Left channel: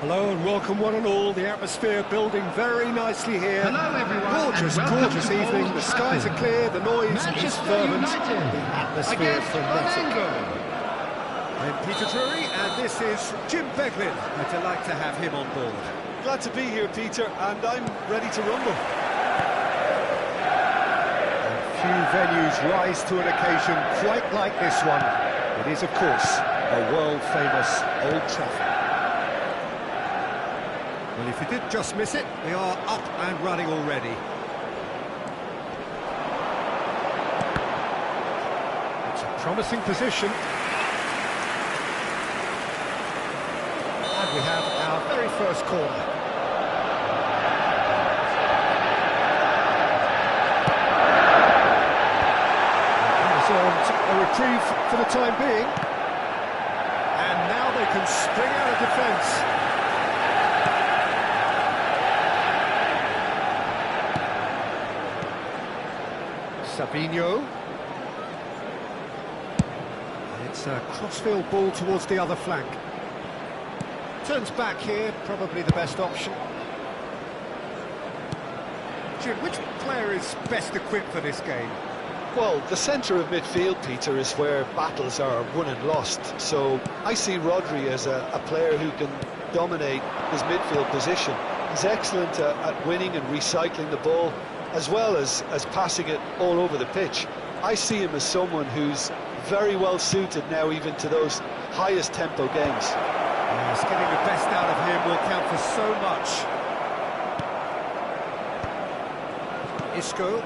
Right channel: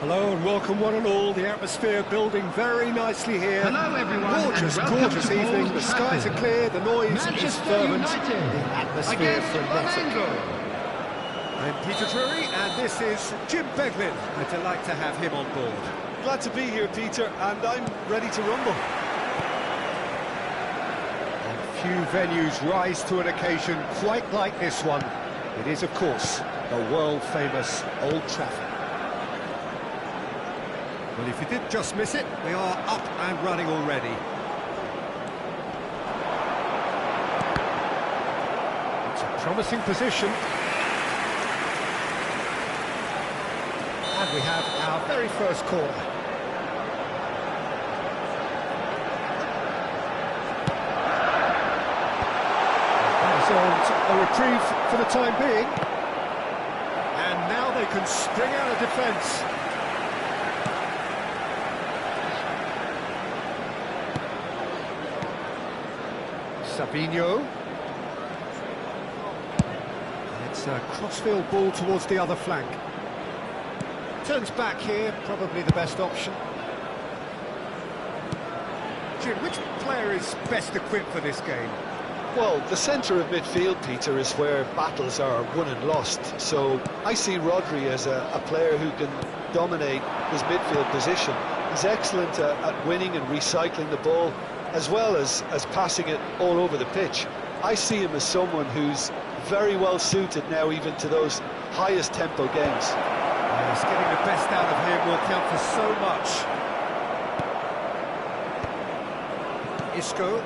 Hello and welcome one and all. The atmosphere building very nicely here. Hello everyone. Gorgeous evening. The skies are clear, the noise is fervent, United the atmosphere frenetic. I'm Peter Drury and this is Jim Beglin. A delight to have him on board. Glad to be here, Peter, and I'm ready to rumble. And few venues rise to an occasion quite like this one. It is, of course, a world-famous Old Trafford. Well, if you did just miss it, we are up and running already. It's a promising position. And we have our very first corner. That is a reprieve for the time being. And now they can spring out of defence. Sabinho. And it's a crossfield ball towards the other flank. Turns back here, probably the best option. Jim, which player is best equipped for this game? Well, the centre of midfield, Peter, is where battles are won and lost. So I see Rodri as a player who can dominate his midfield position. He's excellent at winning and recycling the ball, as well as passing it all over the pitch. I see him as someone who's very well suited now even to those highest tempo games. Yes, getting the best out of him will count for so much. Isco.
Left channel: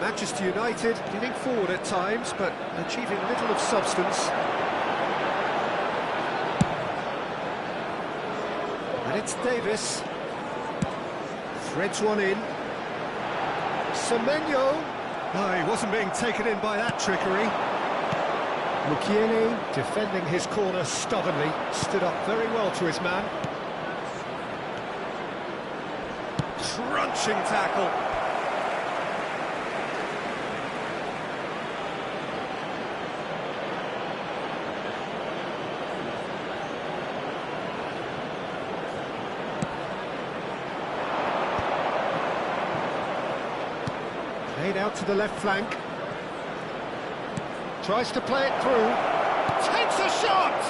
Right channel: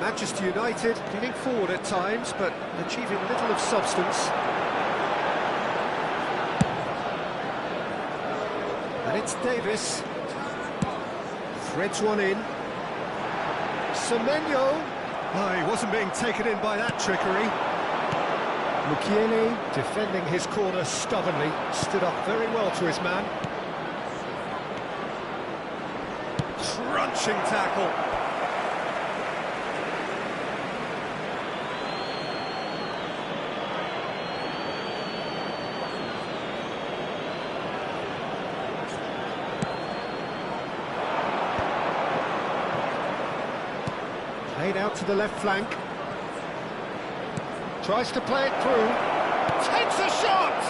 Manchester United leaning forward at times, but achieving little of substance. And it's Davis. Threads one in. Semenyo. Oh, he wasn't being taken in by that trickery. Mukiele defending his corner stubbornly. Stood up very well to his man. Crunching tackle. Played out to the left flank. Tries to play it through. Takes a shot!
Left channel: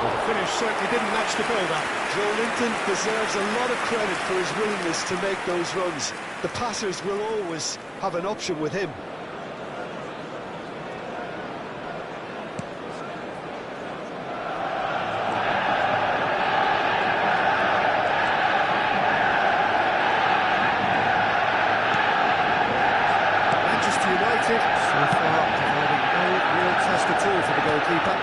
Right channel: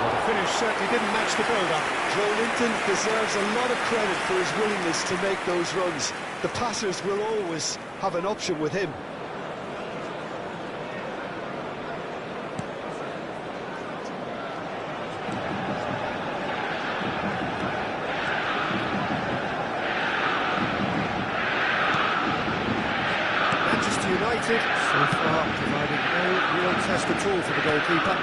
Well, the finish certainly didn't match the build-up. Joe Linton deserves a lot of credit for his willingness to make those runs. The passers will always have an option with him. United, so far providing no real test at all for the goalkeeper.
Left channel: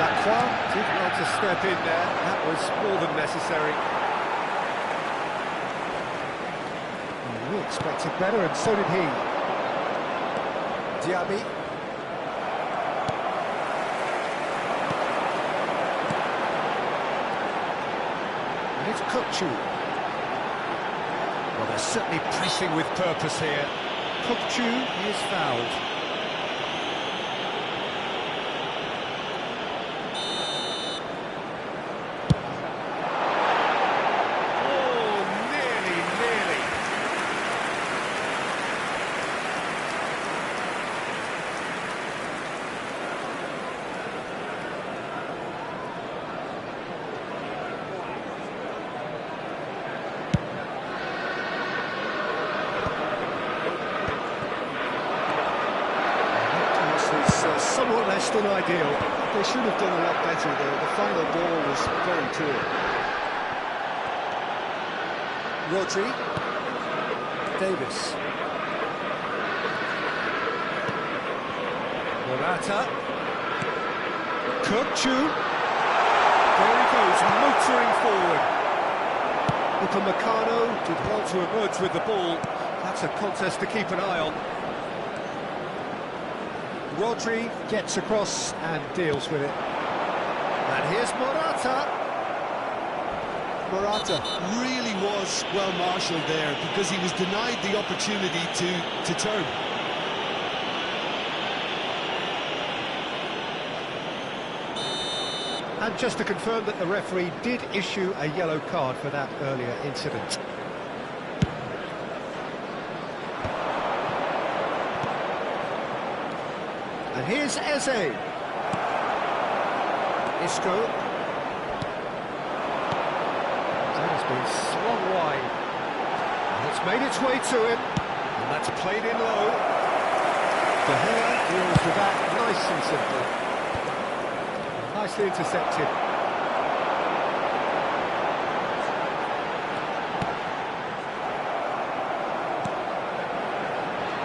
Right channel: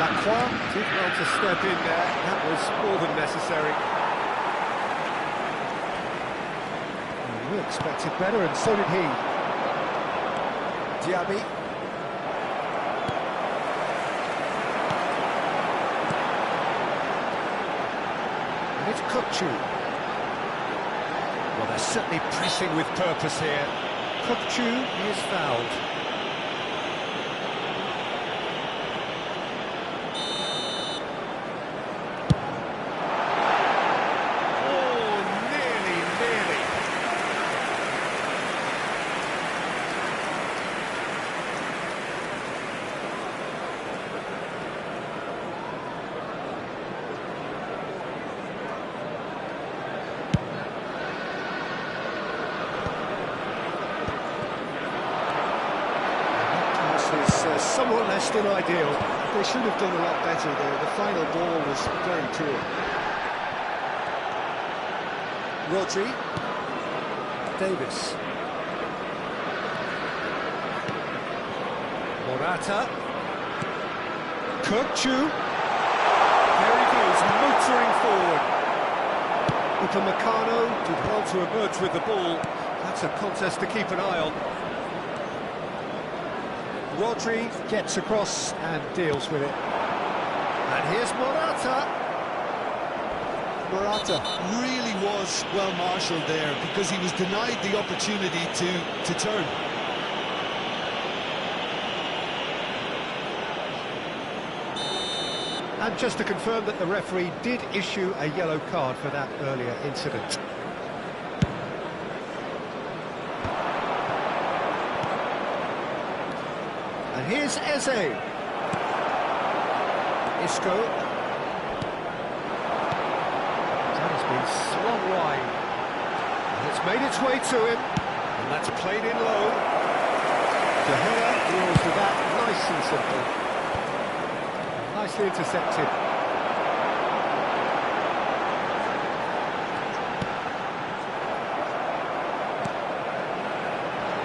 Lacroix did well to step in there, that was more than necessary. Well, we expected better, and so did he. Diaby. And it's Kukçu. Well, they're certainly pressing with purpose here. Kukçu is fouled. somewhat less than ideal. They should have done a lot better there. The final ball was very poor. Rodri. Davis. Morata. Kirkchu. There he goes, motoring forward. Upamecano did well to emerge with the ball. That's a contest to keep an eye on. Rodri gets across and deals with it. And here's Morata. Morata really was well marshalled there because he was denied the opportunity to turn. And just to confirm that the referee did issue a yellow card for that earlier incident. And here's Eze. Isco. That has been slung wide. And it's made its way to him. And that's played in low. De Gea deals with that nice and simple. Nicely intercepted.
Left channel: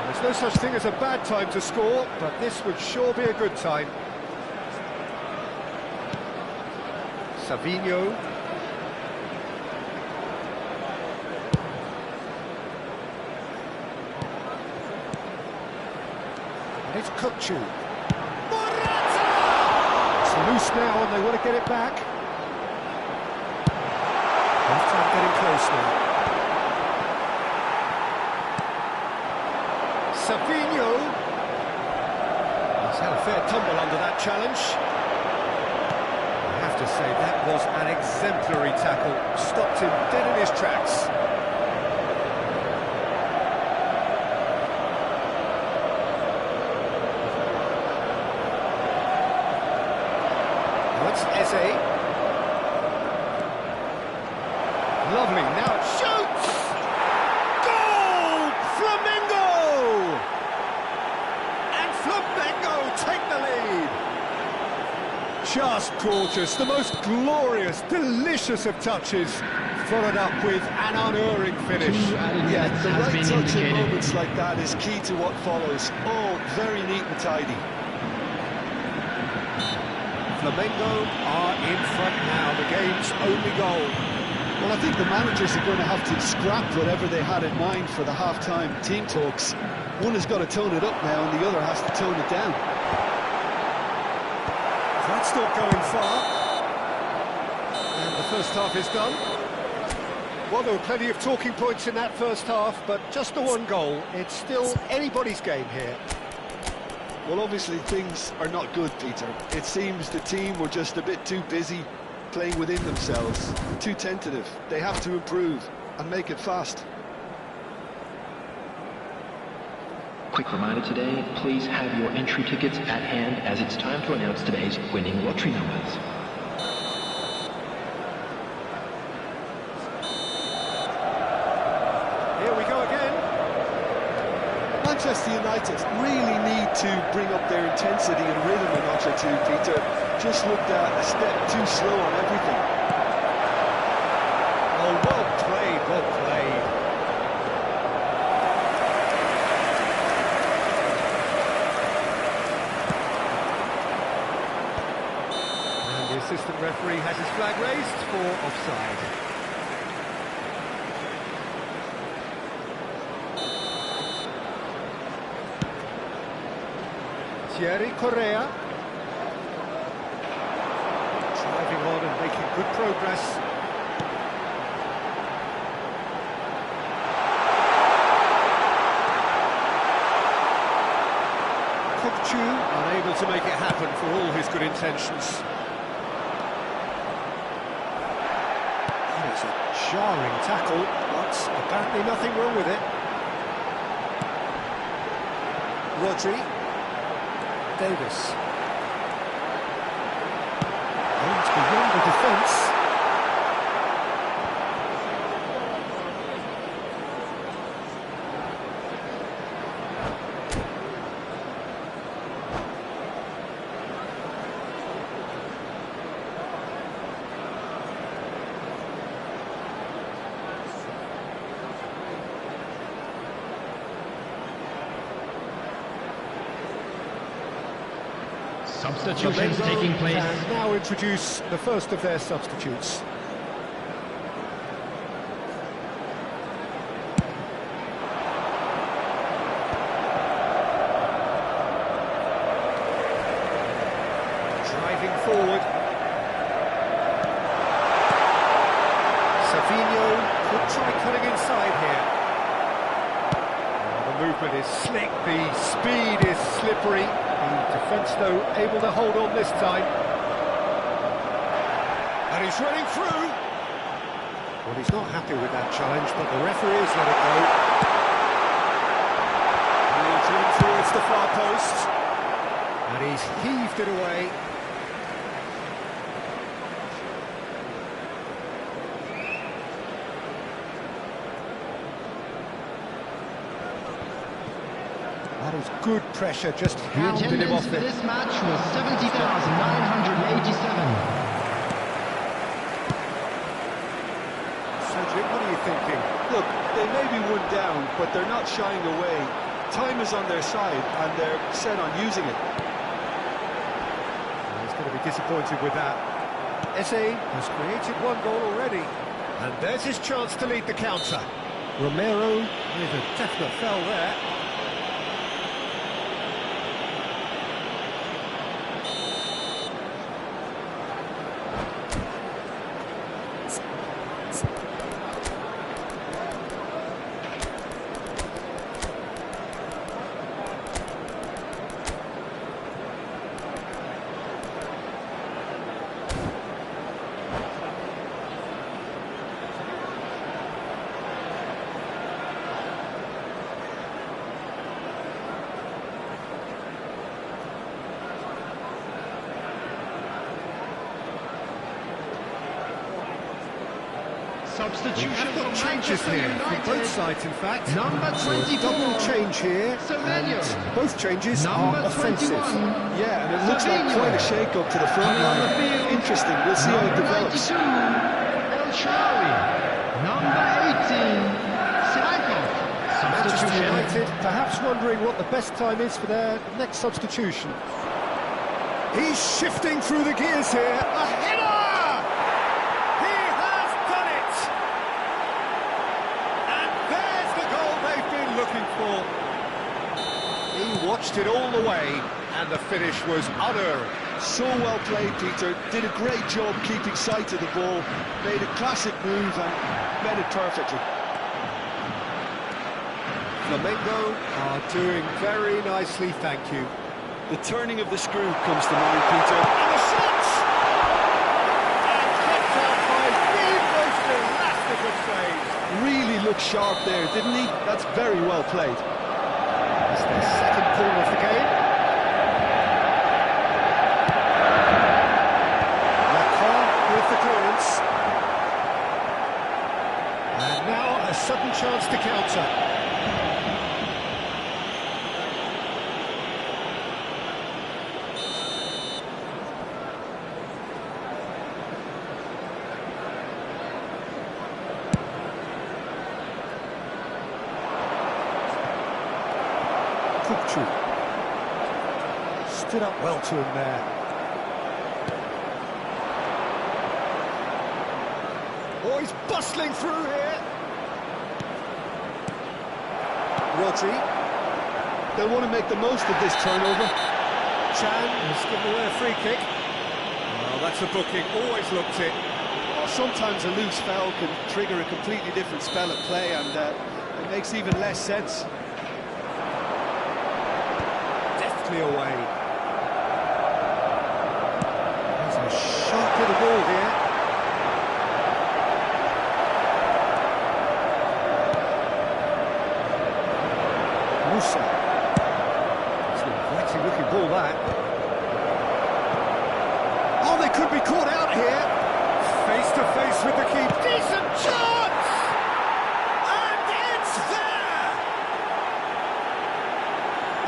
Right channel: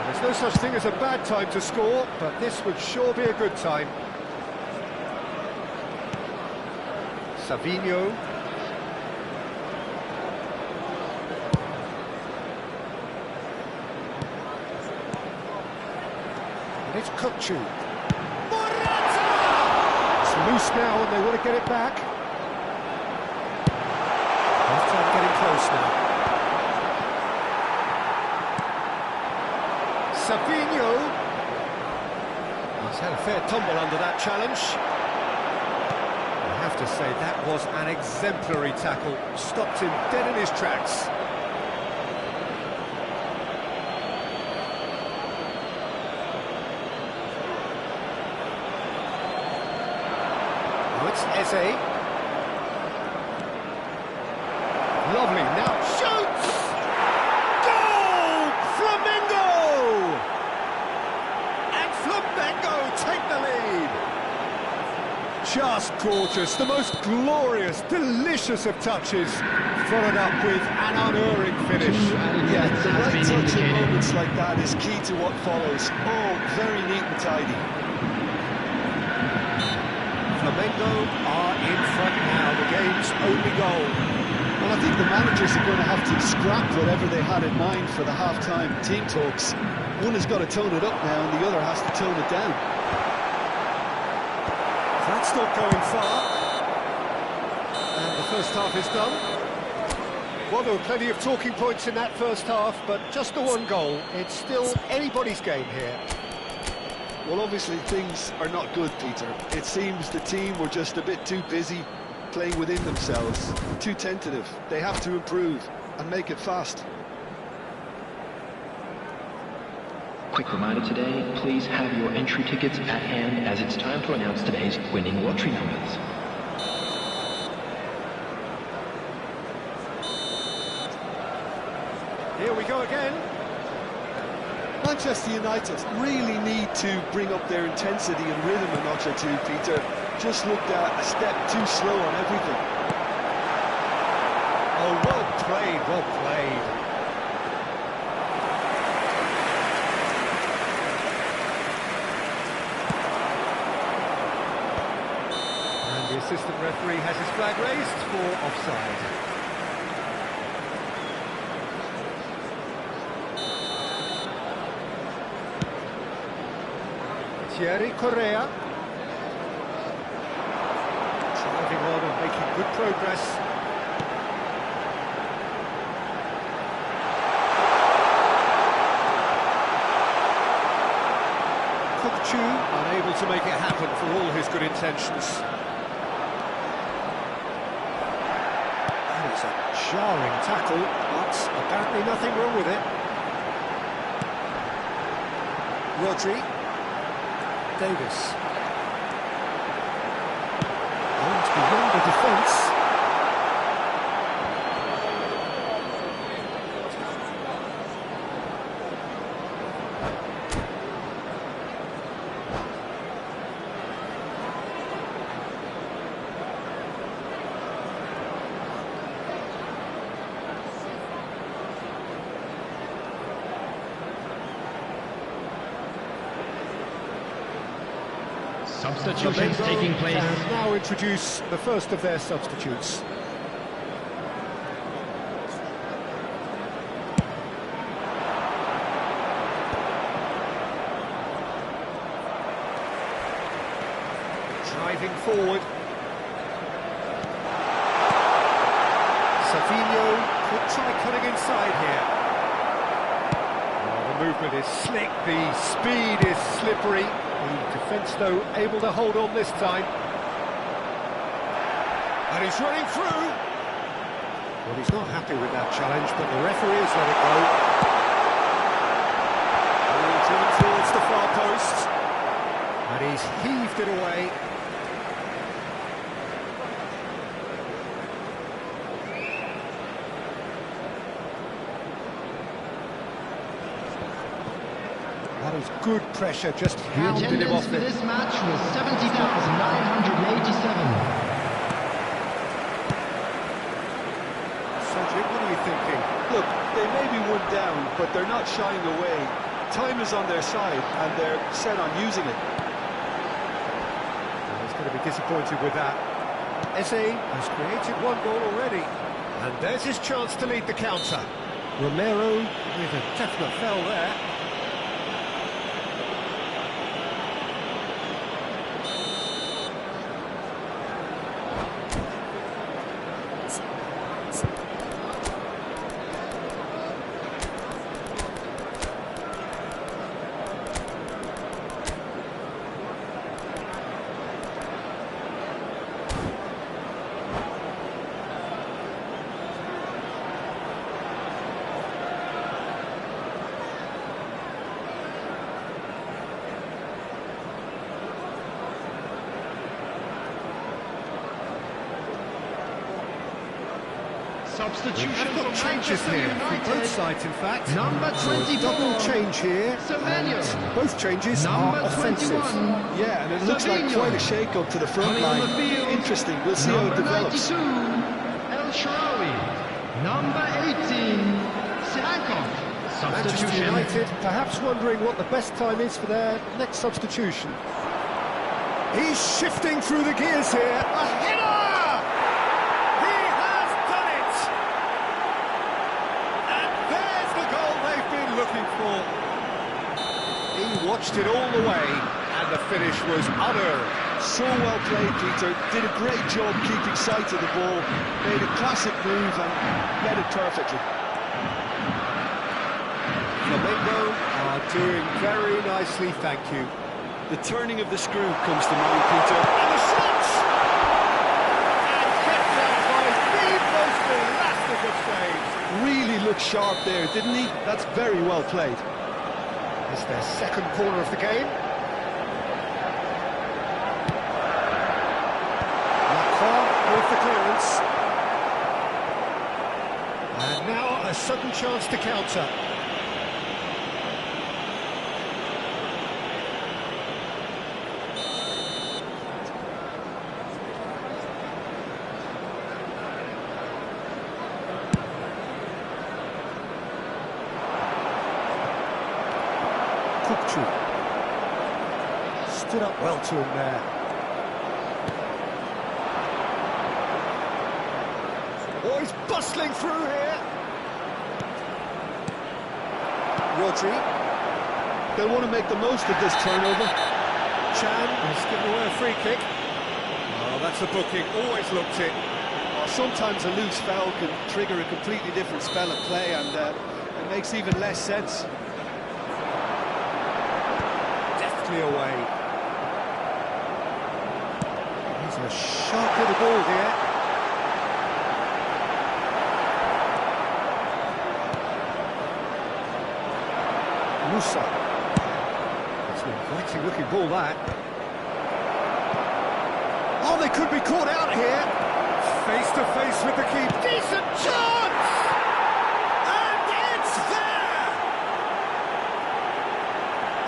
There's no such thing as a bad time to score, but this would sure be a good time. Savinho. And it's Kirkchu. It's loose now and they want to get it back. Half-time getting close now. Savinho. He's had a fair tumble under that challenge. I have to say that was an exemplary tackle. Stopped him dead in his tracks. Now it's Eze. Lovely, now it shoots! Goal! Flamengo! And Flamengo take the lead! Just gorgeous, the most glorious, delicious of touches, followed up with an unerring finish. Yeah, the right touch in moments like that is key to what follows. Oh, very neat and tidy. Flamengo are in front now, the game's only goal. Well, I think the managers are going to have to scrap whatever they had in mind for the half-time team talks. One has got to tone it up now, and the other has to tone it down. That's not going far. And the first half is done. Well, there were plenty of talking points in that first half, but just the one goal. It's still anybody's game here. Well, obviously things are not good, Peter. It seems the team were just a bit too busy playing within themselves, too tentative. They have to improve and make it fast. Quick reminder today, please have your entry tickets at hand as it's time to announce today's winning lottery numbers. Here we go again. Manchester United really need to bring up their intensity and rhythm a notch or two, Peter. Just looked a step too slow on everything. Oh, well played, well played. And the assistant referee has his flag raised for offside. Thierry Correa. Driving on and making good progress. Kirkchu unable to make it happen for all his good intentions. That is a jarring tackle, but apparently nothing wrong with it. Rodri. Davis. Oh, it's beyond the defence. Substitutions taking place. And now introduce the first of their substitutes. Driving forward. Savinho could try cutting inside here. Oh, the movement is slick, the speed is slippery. The defence, though, able to hold on this time. And he's running through. Well, he's not happy with that challenge, but the referee has let it go. Ball driven towards the far post. And he's heaved it away. That is good pressure, just hounding him off The attendance it. for this match was 70,987. So, Jim, what are you thinking? Look, they may be one down, but they're not shying away. Time is on their side, and they're set on using it. Well, he's going to be disappointed with that. Eze has created one goal already. And there's his chance to lead the counter. Romero with a definite foul there. Substitution We've got from changes Manchester here United. from both sides, in fact. Number So a 24. double change here. Semenyo. And both changes Number are offensive. 21. Yeah, and it looks like Savinho. quite a shake-up to the front Coming on line. the field. Interesting, we'll see how it Number develops. 92, El Shaarawy. Number 18, Sirankov. Manchester Substitution. United perhaps wondering what the best time is for their next substitution. He's shifting through the gears here. A header! He has done it! And there's the goal they've been looking for. He watched it all the way, and the finish was utter. So well played, Peter. Did a great job keeping sight of the ball. Made a classic move and met it perfectly. Flamengo are doing very nicely, thank you. The turning of the screw comes to mind, Peter. And the shot! And kept out by the most elastic of saves. Really looked sharp there, didn't he? That's very well played. It's their second corner of the game. Lacroix with the clearance. And now a sudden chance to counter. Kupchu stood up well to him there. Oh, he's bustling through here. Rodri. They'll want to make the most of this turnover. Chan has given away a free kick. Oh, that's a booking. Always looked it. Sometimes a loose foul can trigger a completely different spell of play, and it makes even less sense. Deftly away. He's a sharp little ball here. Musa. It's an inviting looking ball, that. Oh, they could be caught out here. Face to face with the keeper. Decent chance! And it's there!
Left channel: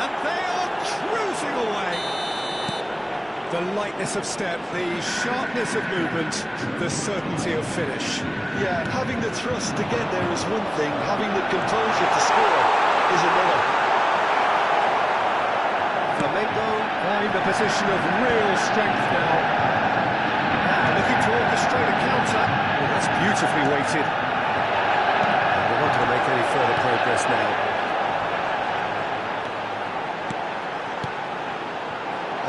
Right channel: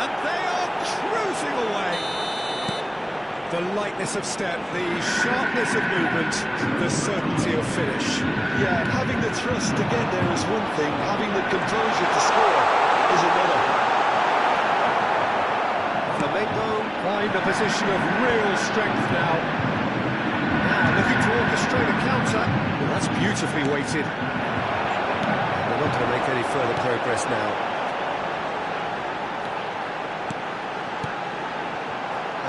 And they are cruising away. The lightness of step, the sharpness of movement, the certainty of finish. Yeah, having the thrust to get there is one thing, having the composure to score is another. Flamengo find a position of real strength now. Now looking to orchestrate a counter. Well, that's beautifully weighted. And they're not going to make any further progress now.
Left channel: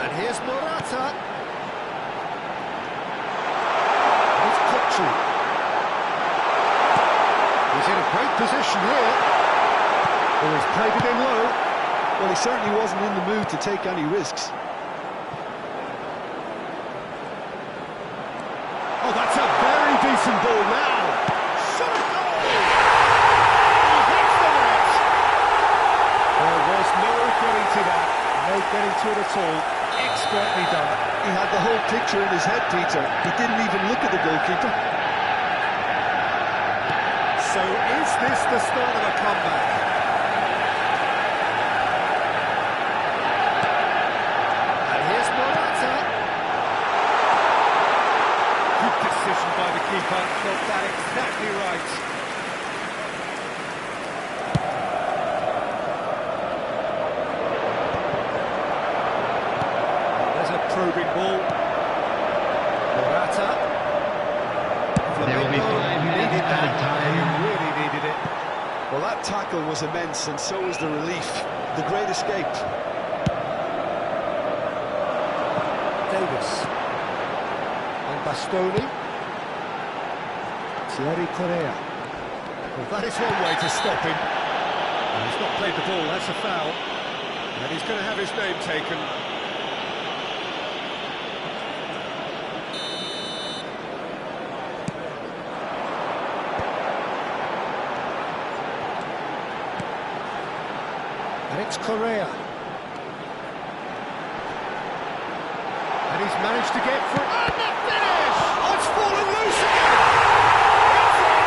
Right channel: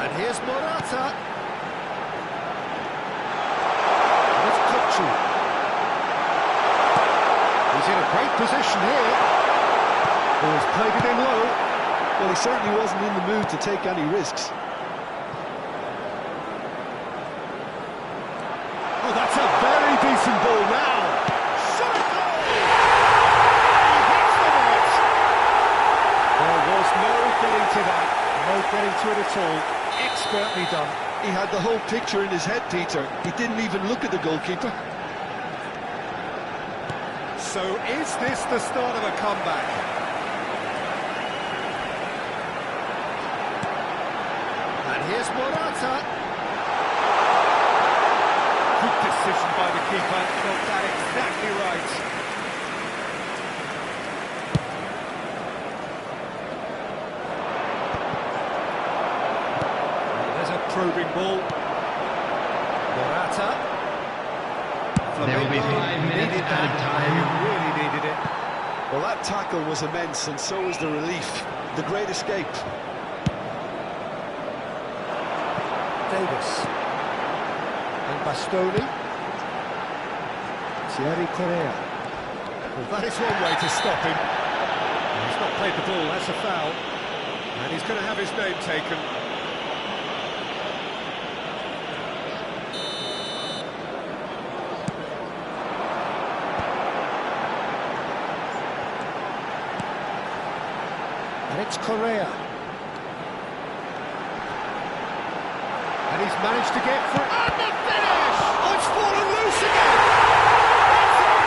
And here's Morata. And it's Kochu. He's in a great position here. Oh, he's played it in low. Well, he certainly wasn't in the mood to take any risks. Oh, that's a very decent ball now. Shot a goal! He hits the net. There was no getting to that. No getting to it at all. Expertly done. He had the whole picture in his head, Peter. He didn't even look at the goalkeeper. So is this the start of a comeback? Here's Morata. Good decision by the keeper. Got that exactly right. Well, there's a probing ball. Morata. There will be 5 minutes added time. He really needed it. Well, that tackle was immense, and so was the relief. The great escape. Davis and Bastoni. Thierry Correa. Well, that is one way to stop him. He's not played the ball, that's a foul. And he's going to have his name taken. And it's Correa. And he's managed to get through. And the finish! Oh, it's fallen loose again! It's in!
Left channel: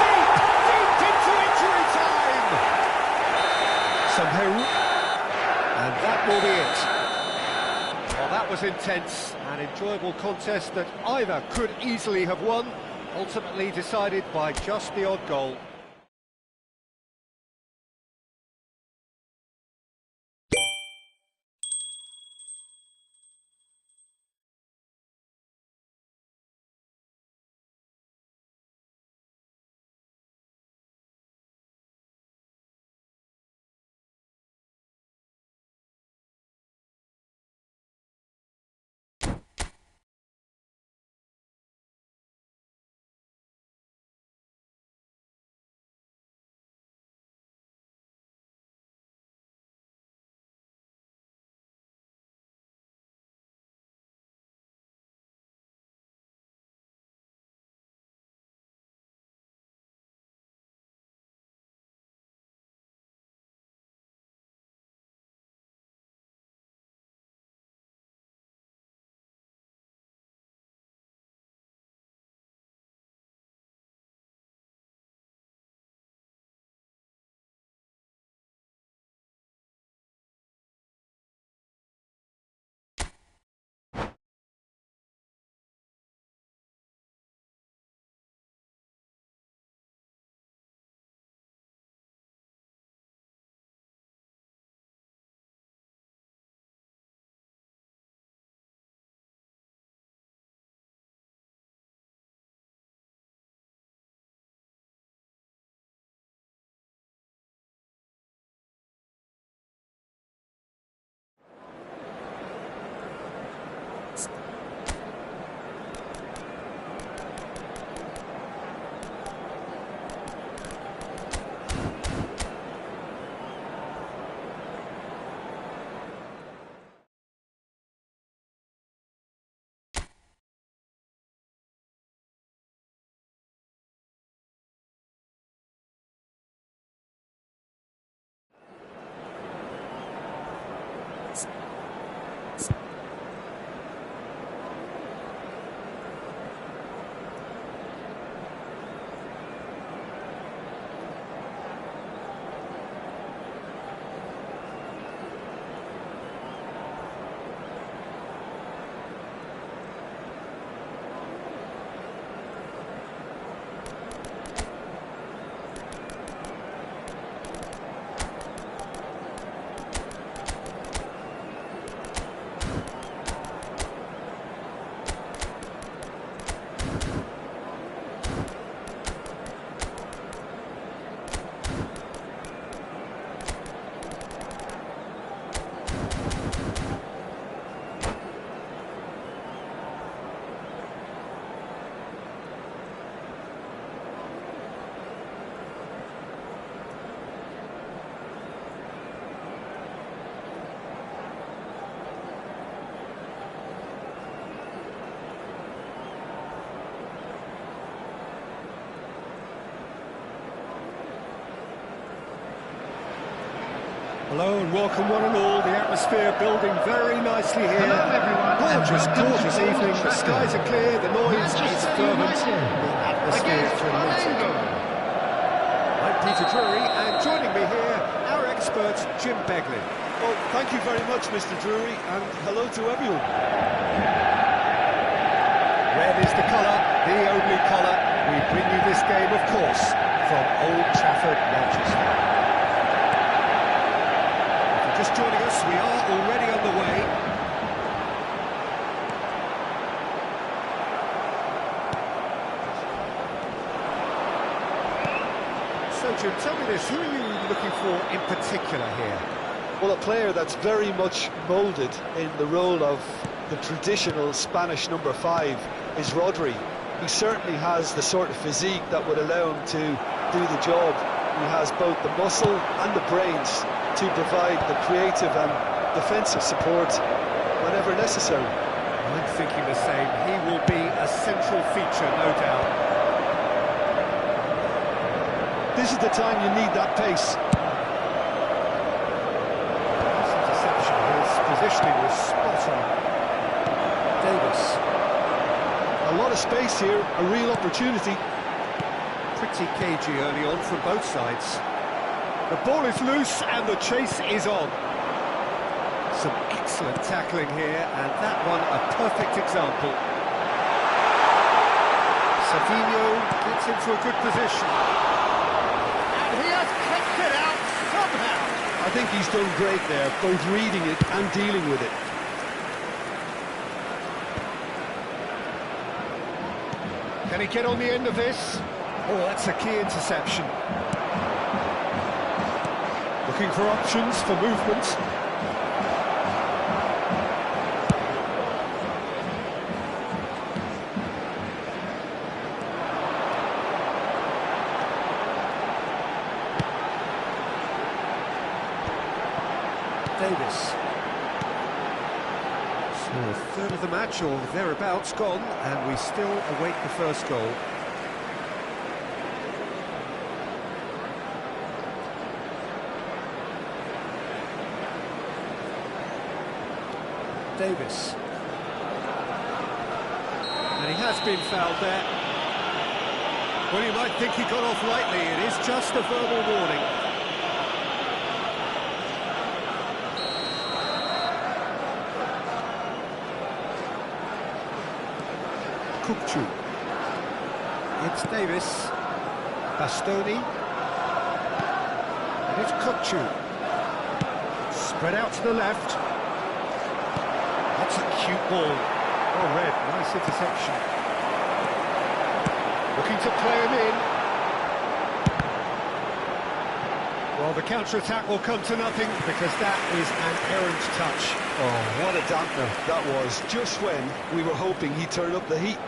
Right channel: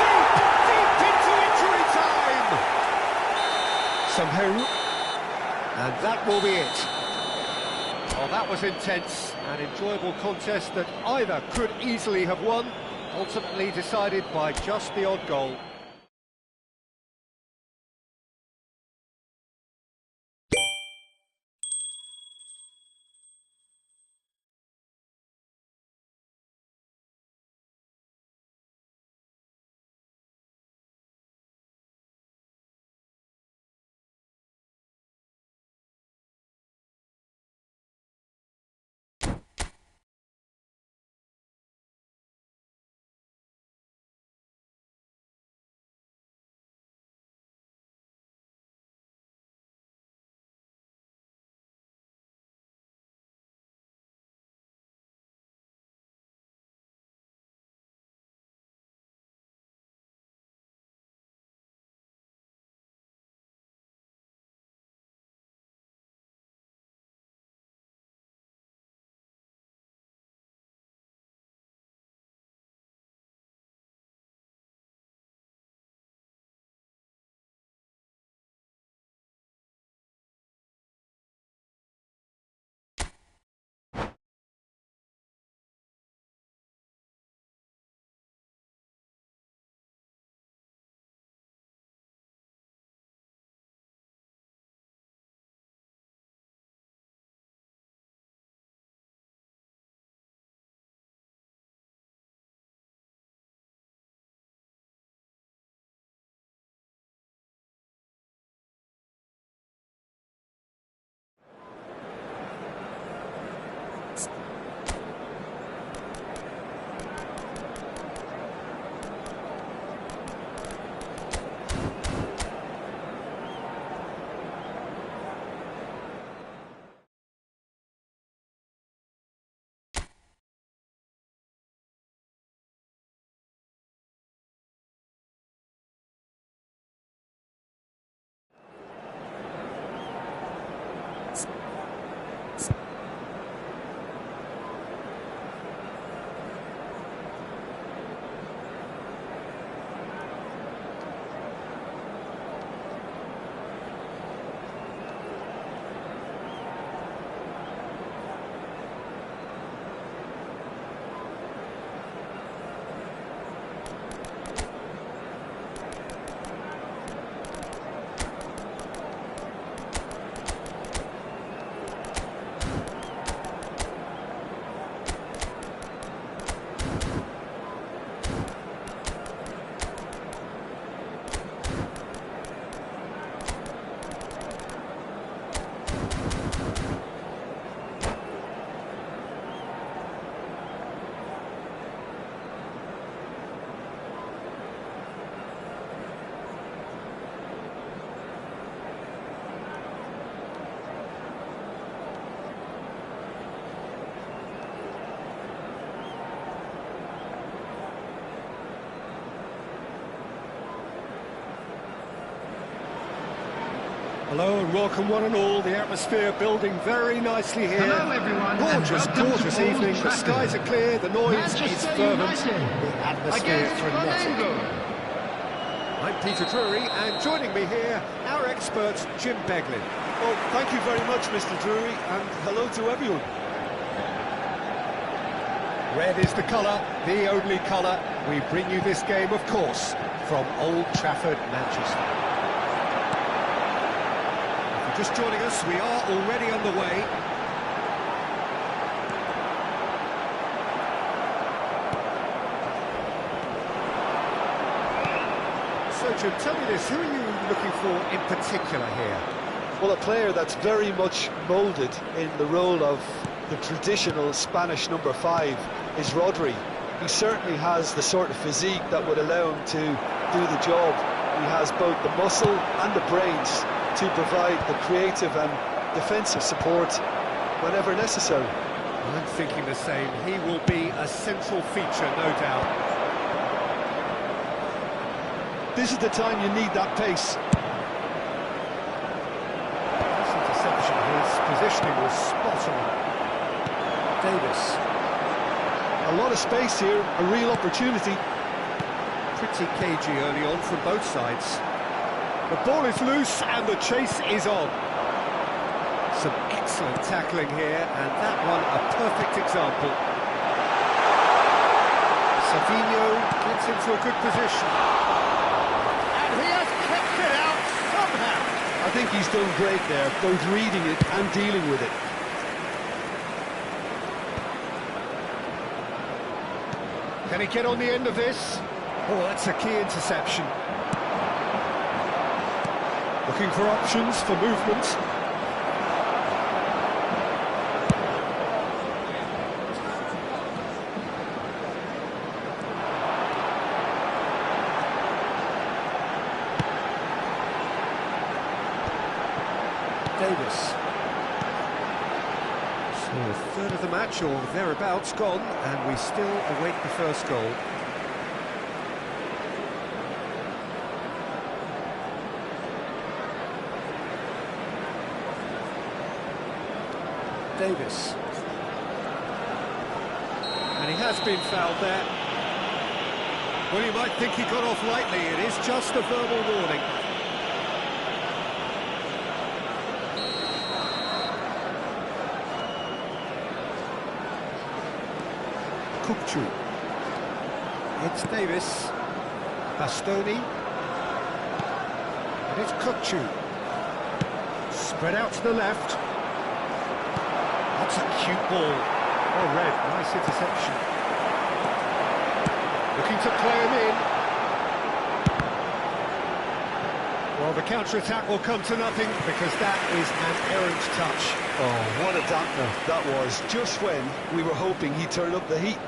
Deep, deep into injury time! Somehow. And that will be it. Well, that was intense, an enjoyable contest that either could easily have won, ultimately decided by just the odd goal. Hello and welcome one and all. The atmosphere building very nicely here. Hello everyone. Gorgeous, gorgeous evening. The Trafford. skies are clear, the noise is Manchester fervent, United the atmosphere against frenetic. Flamengo. I'm Peter Drury, and joining me here, our expert, Jim Beglin. Well, thank you very much, Mr. Drury, and hello to everyone. Red is the colour, the only colour. We bring you this game, of course, from Old Trafford, Manchester. If you're just joining us, we are already on the way. So, Jim, tell me this, who are you looking for in particular here? Well, a player that's very much moulded in the role of the traditional Spanish number 5 is Rodri. He certainly has the sort of physique that would allow him to do the job. He has both the muscle and the brains to provide the creative and defensive support whenever necessary. I'm thinking the same. He will be a central feature, no doubt. This is the time you need that pace. Nice interception. His positioning was spot on. Davis. A lot of space here, a real opportunity. Pretty cagey early on from both sides. The ball is loose and the chase is on. Some excellent tackling here, and that one a perfect example. Savinho gets into a good position. And he has kept it out somehow. I think he's done great there, both reading it and dealing with it. Can he get on the end of this? Oh, that's a key interception. Looking for options for movement. Davis. So a third of the match, or thereabouts, gone, and we still await the first goal. Davis. And he has been fouled there. Well, you might think he got off lightly. It is just a verbal warning. Kupchu. It's Davis. Bastoni. And it's Kupchu. Spread out to the left. That's a cute ball. Oh, Red, nice interception. Looking to play him in. Well, the counter-attack will come to nothing because that is an errant touch. Oh, what a dampener that was, just when we were hoping he'd turn up the heat.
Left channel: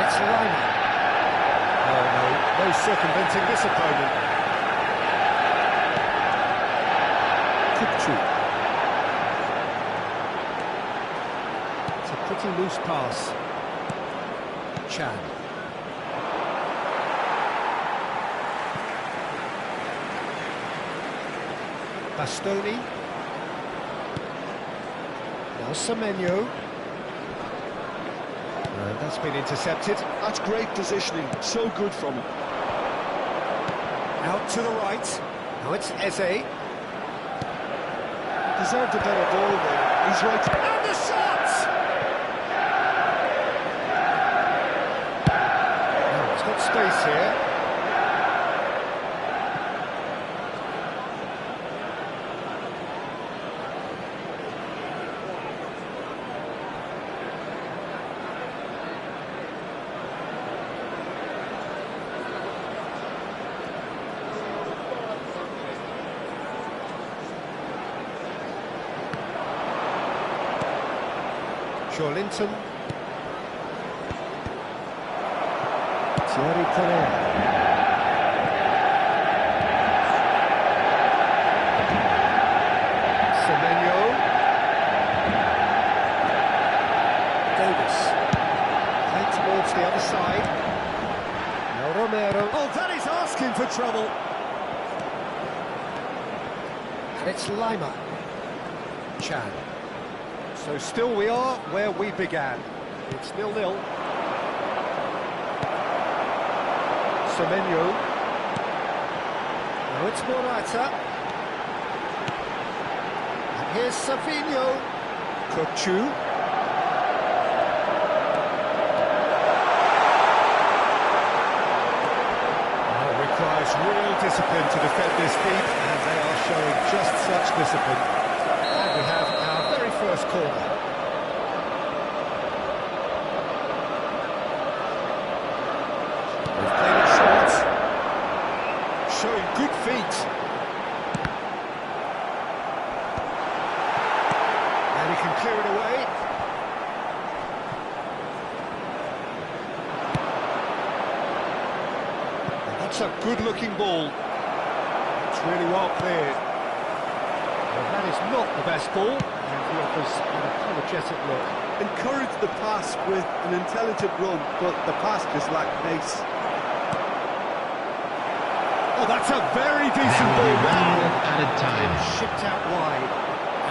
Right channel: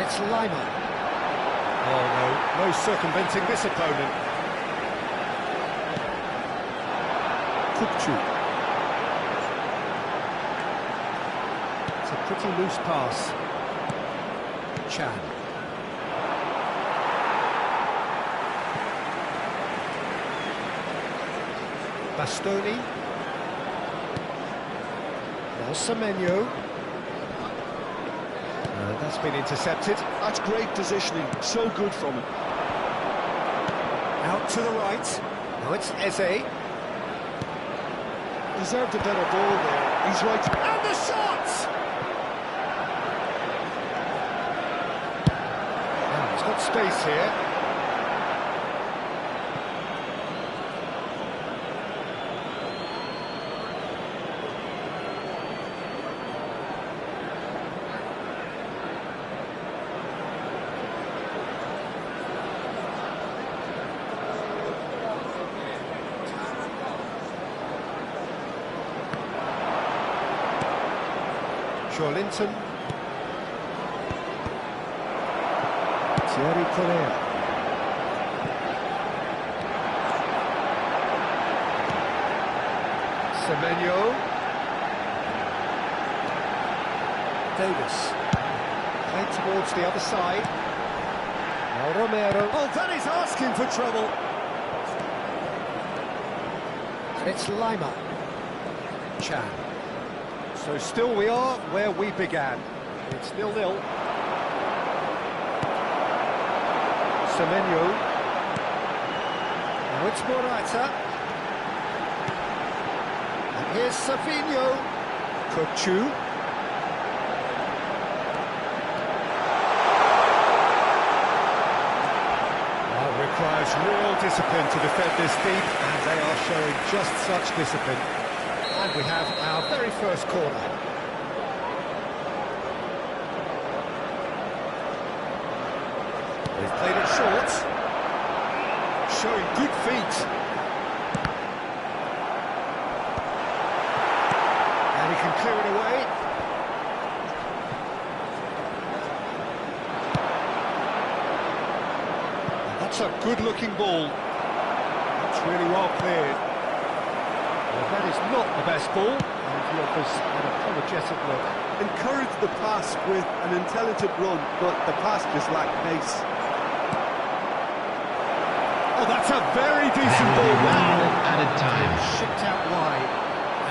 It's Lima. Oh no, no circumventing this opponent. Kupchu. It's a pretty loose pass. Chan. Bastoni. Now Semenyo. That's been intercepted. That's great positioning, so good from him. Out to the right. Now it's Eze. Deserved a better ball there, he's right. And the shot! Now it's got space here. Linton. Thierry Correa. Semenyo. Davis. Played towards the other side. Now Romero. Oh, that is asking for trouble. And it's Lima. Chan. So still we are where we began. It's 0-0. Semenyo. Now it's Morata. And here's Savinho. Kukcu. Requires real discipline to defend this deep, and they are showing just such discipline. And we have our very first corner. They've played it short, showing good feet. And he can clear it away. That's a good-looking ball. It's really well cleared. Well, that is not the best ball, and he offers an apologetic look. Encourage the pass with an intelligent run, but the pass just lacked pace. Oh, that's a very decent There ball will be 1 now. minute added time. Shipped out wide,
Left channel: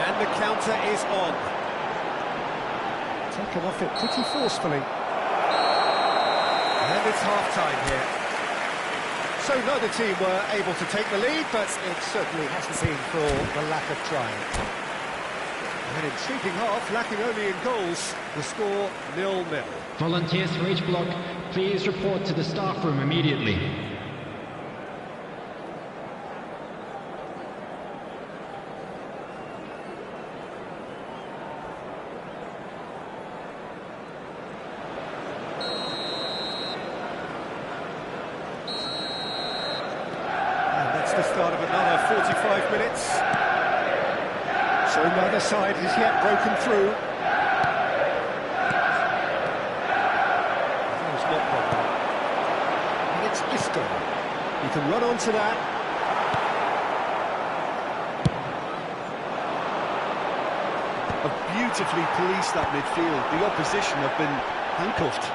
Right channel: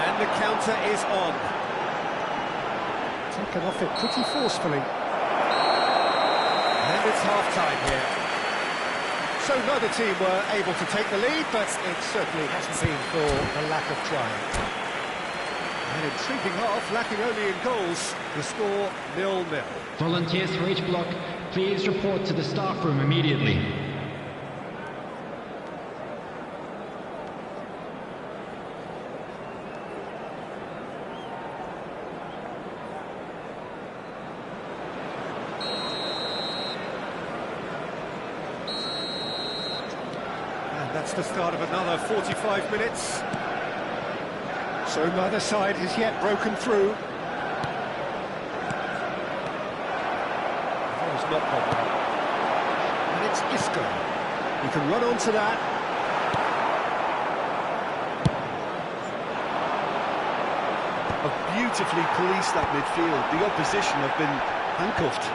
and the counter is on. Taken off it pretty forcefully. And it's half-time here. So neither team were able to take the lead, but it certainly hasn't been for the lack of trying. An intriguing half, lacking only in goals. The score 0-0. Volunteers for each block, please report to the staff room immediately. That's the start of another 45 minutes. So neither side has yet broken through. That was not problem. And it's Isco. He can run onto that. Have beautifully policed that midfield. The opposition have been handcuffed.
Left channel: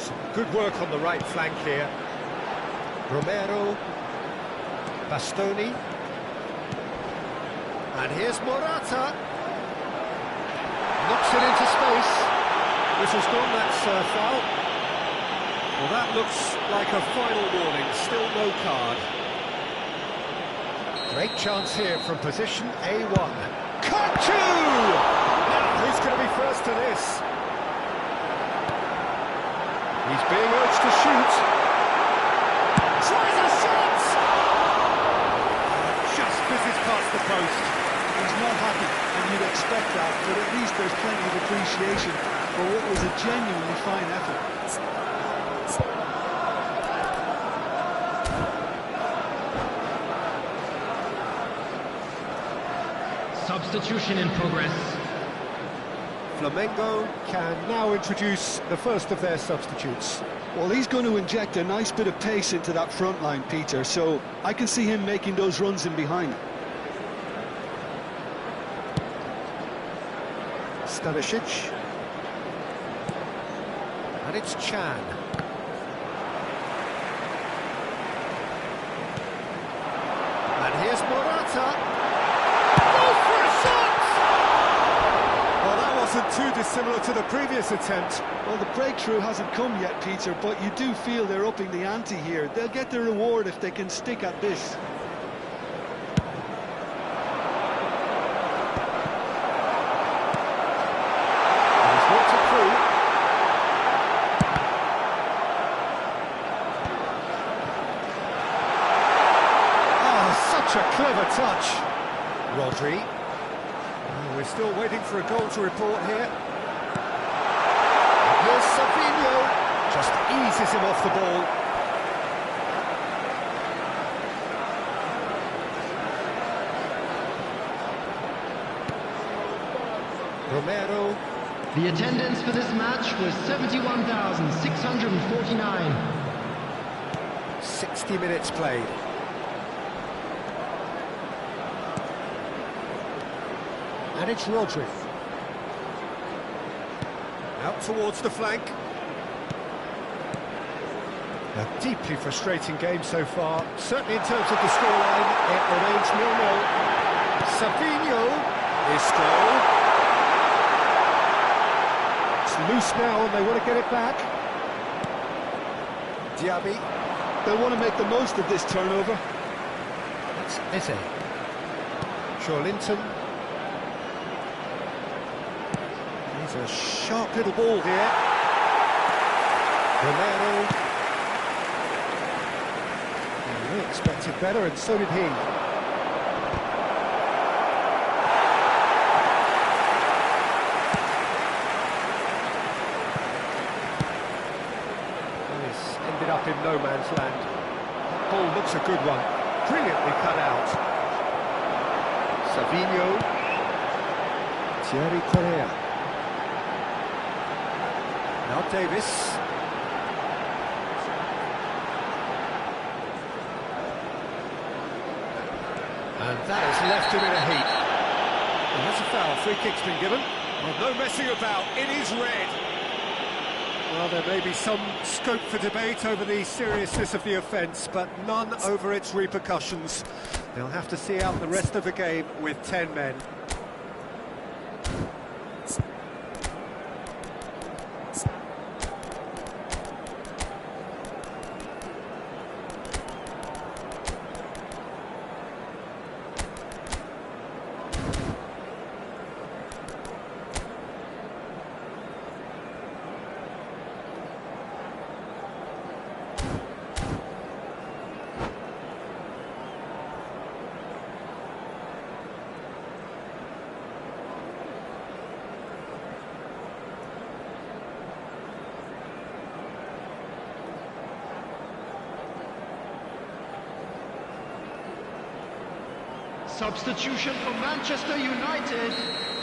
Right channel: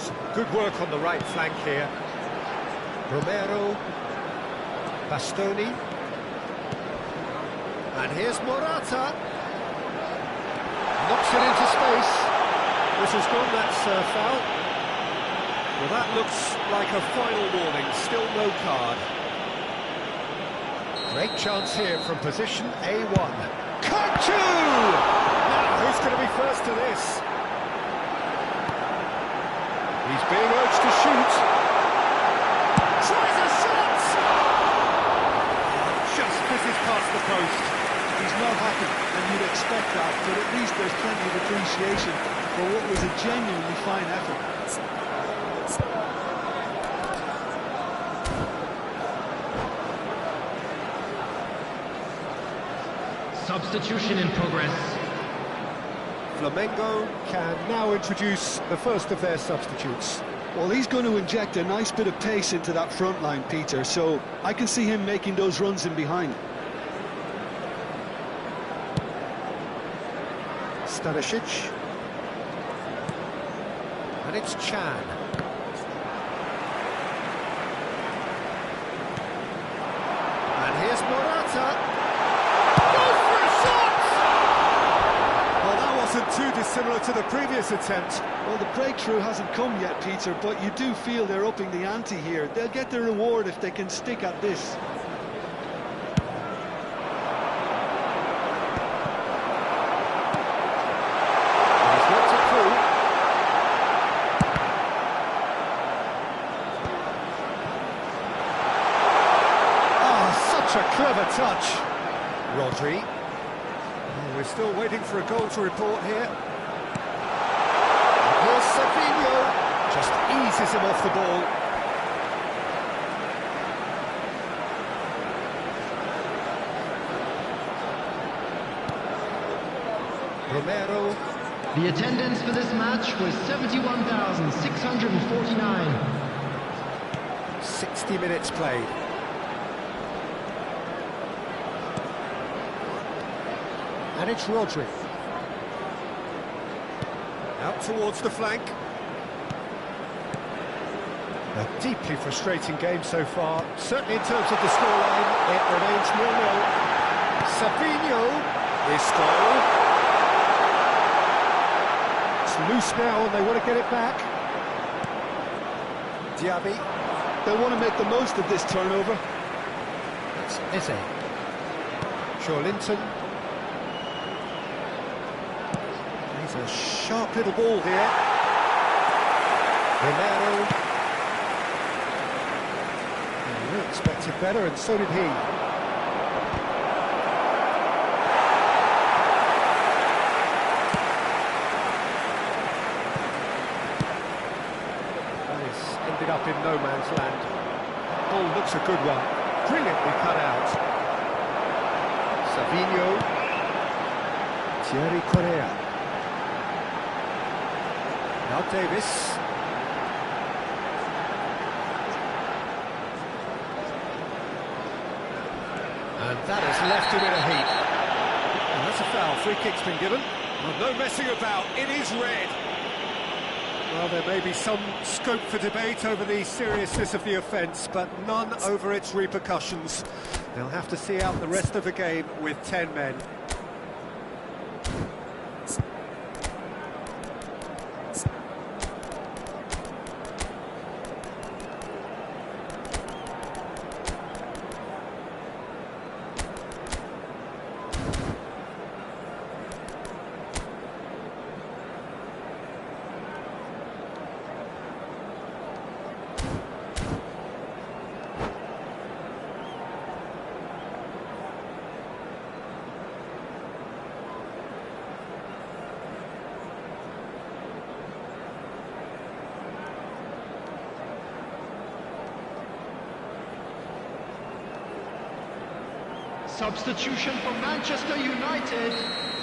Some good work on the right flank here. Romero, Bastoni, and here's Morata. Knocks it into space. Whistle's gone, that's a foul. Well, that looks like a final warning, still no card. Great chance here from position A1. Kukcu! Now, who's going to be first to this? He's being urged to shoot. Tries a shot! Just misses past the post. He's not happy, and you'd expect that, but at least there's plenty of appreciation for what was a genuinely fine effort. Substitution in progress. Flamengo can now introduce the first of their substitutes. Well, he's going to inject a nice bit of pace into that front line, Peter, so I can see him making those runs in behind. Stanisic. And it's Chan. And here's Morata. Goes for a shot! Well, that wasn't too dissimilar to the previous attempt. Well, the breakthrough hasn't come yet, Peter, but you do feel they're upping the ante here. They'll get their reward if they can stick at this. He's worked it through. Such a clever touch. Rodri. Oh, we're still waiting for a goal to report here. Here's Savinho. Just eases him off the ball. Romero. The attendance for this match was 71,649. 60 minutes played. And it's Rodri. Out towards the flank. A deeply frustrating game so far. Certainly in terms of the scoreline, it remains 0-0. Savinho is goal. It's loose now and they want to get it back. Diaby. They'll want to make the most of this turnover. That's Eze. Linton. He's a sharp little ball here. Romero. We expected better, and so did he. That is ended up in no man's land. That ball looks a good one. Brilliantly cut out. Savinho. Thierry Correa. Now Davis. And that has left him in a heap. Well, that's a foul. Free kick's been given. Well, no messing about. It is red. Well, there may be some scope for debate over the seriousness of the offence, but none over its repercussions. They'll have to see out the rest of the game with 10 men. Substitution for Manchester United.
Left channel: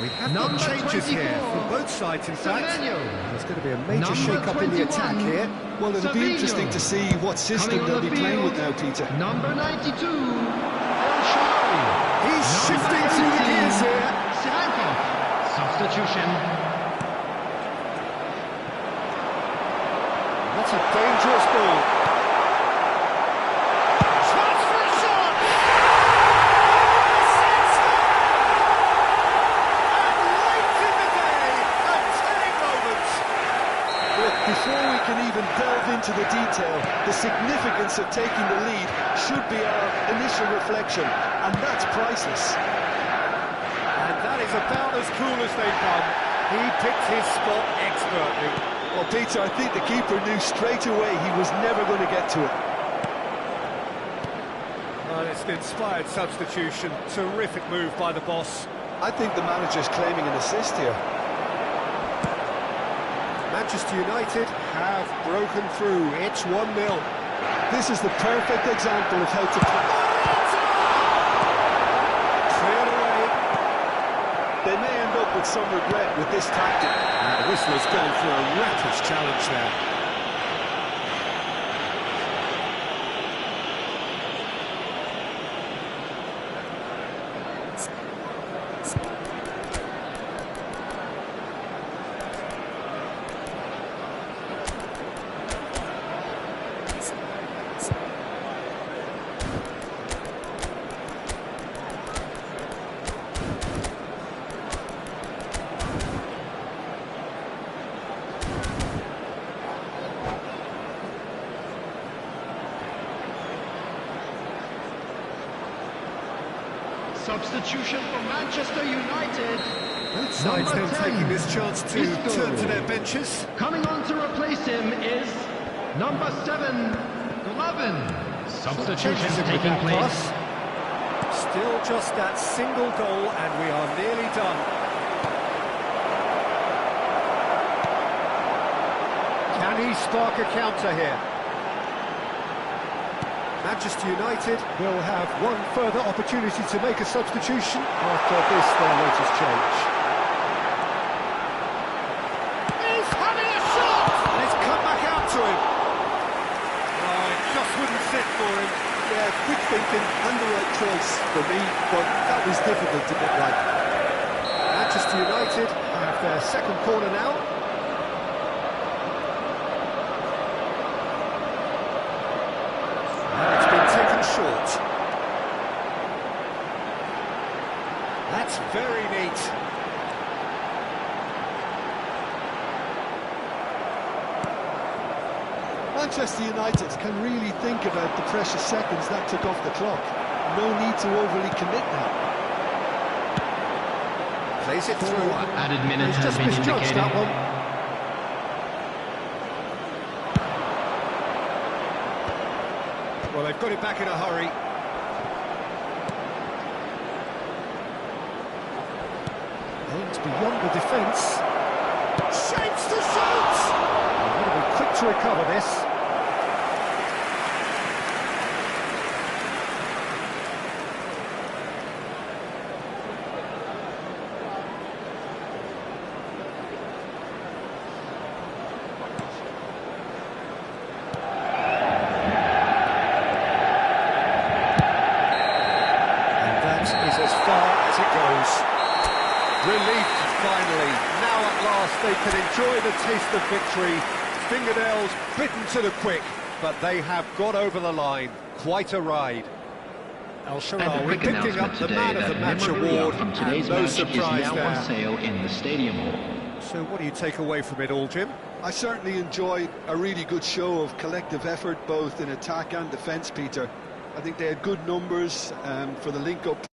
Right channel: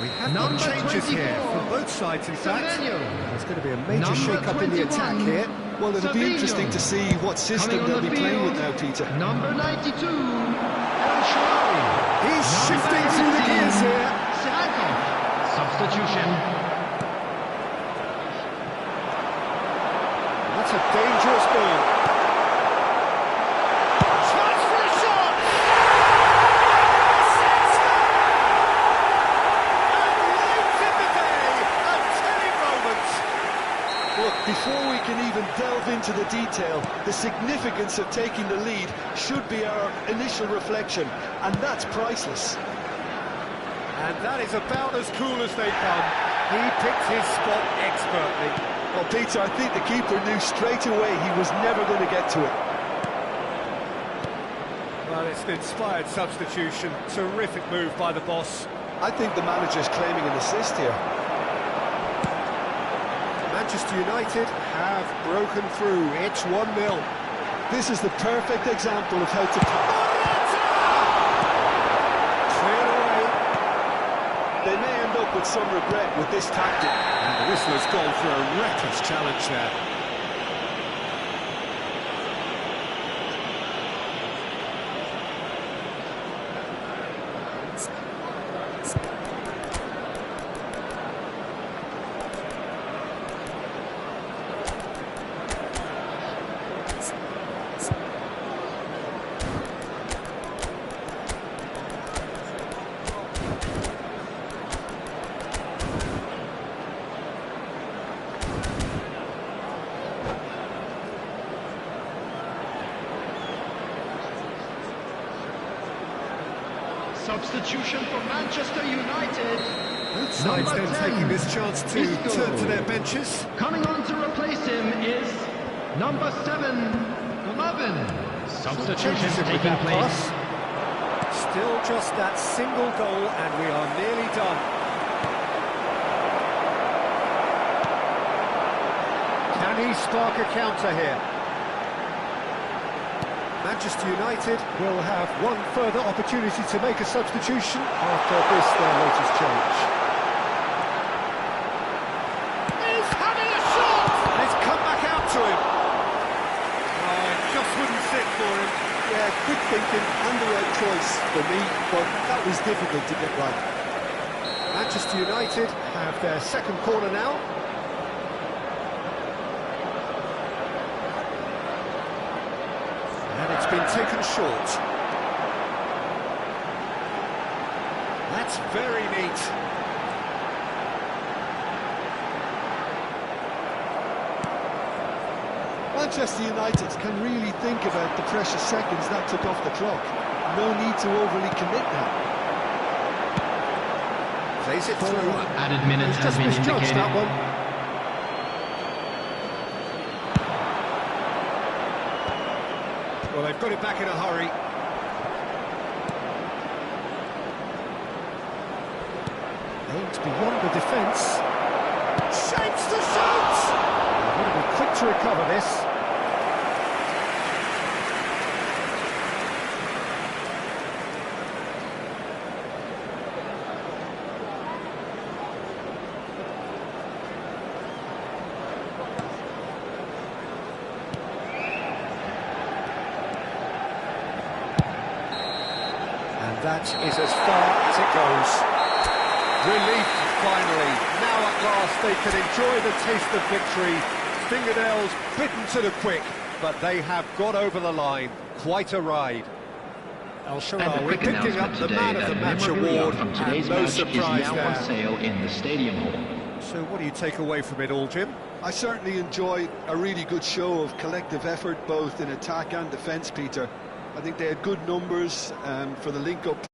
We have got changes here from both sides, in fact. There's going to be a major shake-up in the attack here. Well, it'll be interesting to see what system they'll be playing with now, Peter. Number 92, El Shaarawy. He's shifting through the gears here. Sirankov. Substitution. That's a dangerous ball. Chance for a shot! And late in the day, a telling moment. Look, before we can even delve into the detail, the significance of taking the lead should be our initial reflection, and that's priceless. And that is about as cool as they come. He picked his spot expertly. Well, Peter, I think the keeper knew straight away he was never going to get to it. Well, it's an inspired substitution. Terrific move by the boss. I think the manager's claiming an assist here. Manchester United have broken through. It's 1-0. This is the perfect example of how to... Cleared away. They may end up with some regret with this tactic. And the whistler's gone for a reckless challenge there. Substitution for Manchester United. Both sides then 10, taking this chance to Isco. turn to their benches. Coming on to replace him is number 7, Golovin. Substitution Changes him with taking that place. pass. Still just that single goal and we are nearly done. Can he spark a counter here? Manchester United will have one further opportunity to make a substitution after this, their latest change. He's having a shot! And it's come back out to him. Oh, it just wouldn't sit for him. Yeah, quick thinking and the right choice for me, but that was difficult to get right. Manchester United have their second corner now. And it's been taken short. That's very neat. Manchester United can really think about the precious seconds that took off the clock. No need to overly commit now. Plays it through. Added minutes He's has just been misjudged indicated. that one. Well, they've got it back in a hurry. Aimed beyond the defence. Shapes the shoot! They've got to be quick to recover this. That is as far as it goes. Relief, finally. Now at last they can enjoy the taste of victory. Fingernails bitten to the quick, but they have got over the line. Quite a ride. And a Al-Sharawi quick picking announcement up the today man of that the match memorabilia award, from today's and no match is surprise now there. on sale in the Stadium Hall. So what do you take away from it all, Jim? I certainly enjoyed a really good show of collective effort, both in attack and defence, Peter. I think they had good numbers for the link-up.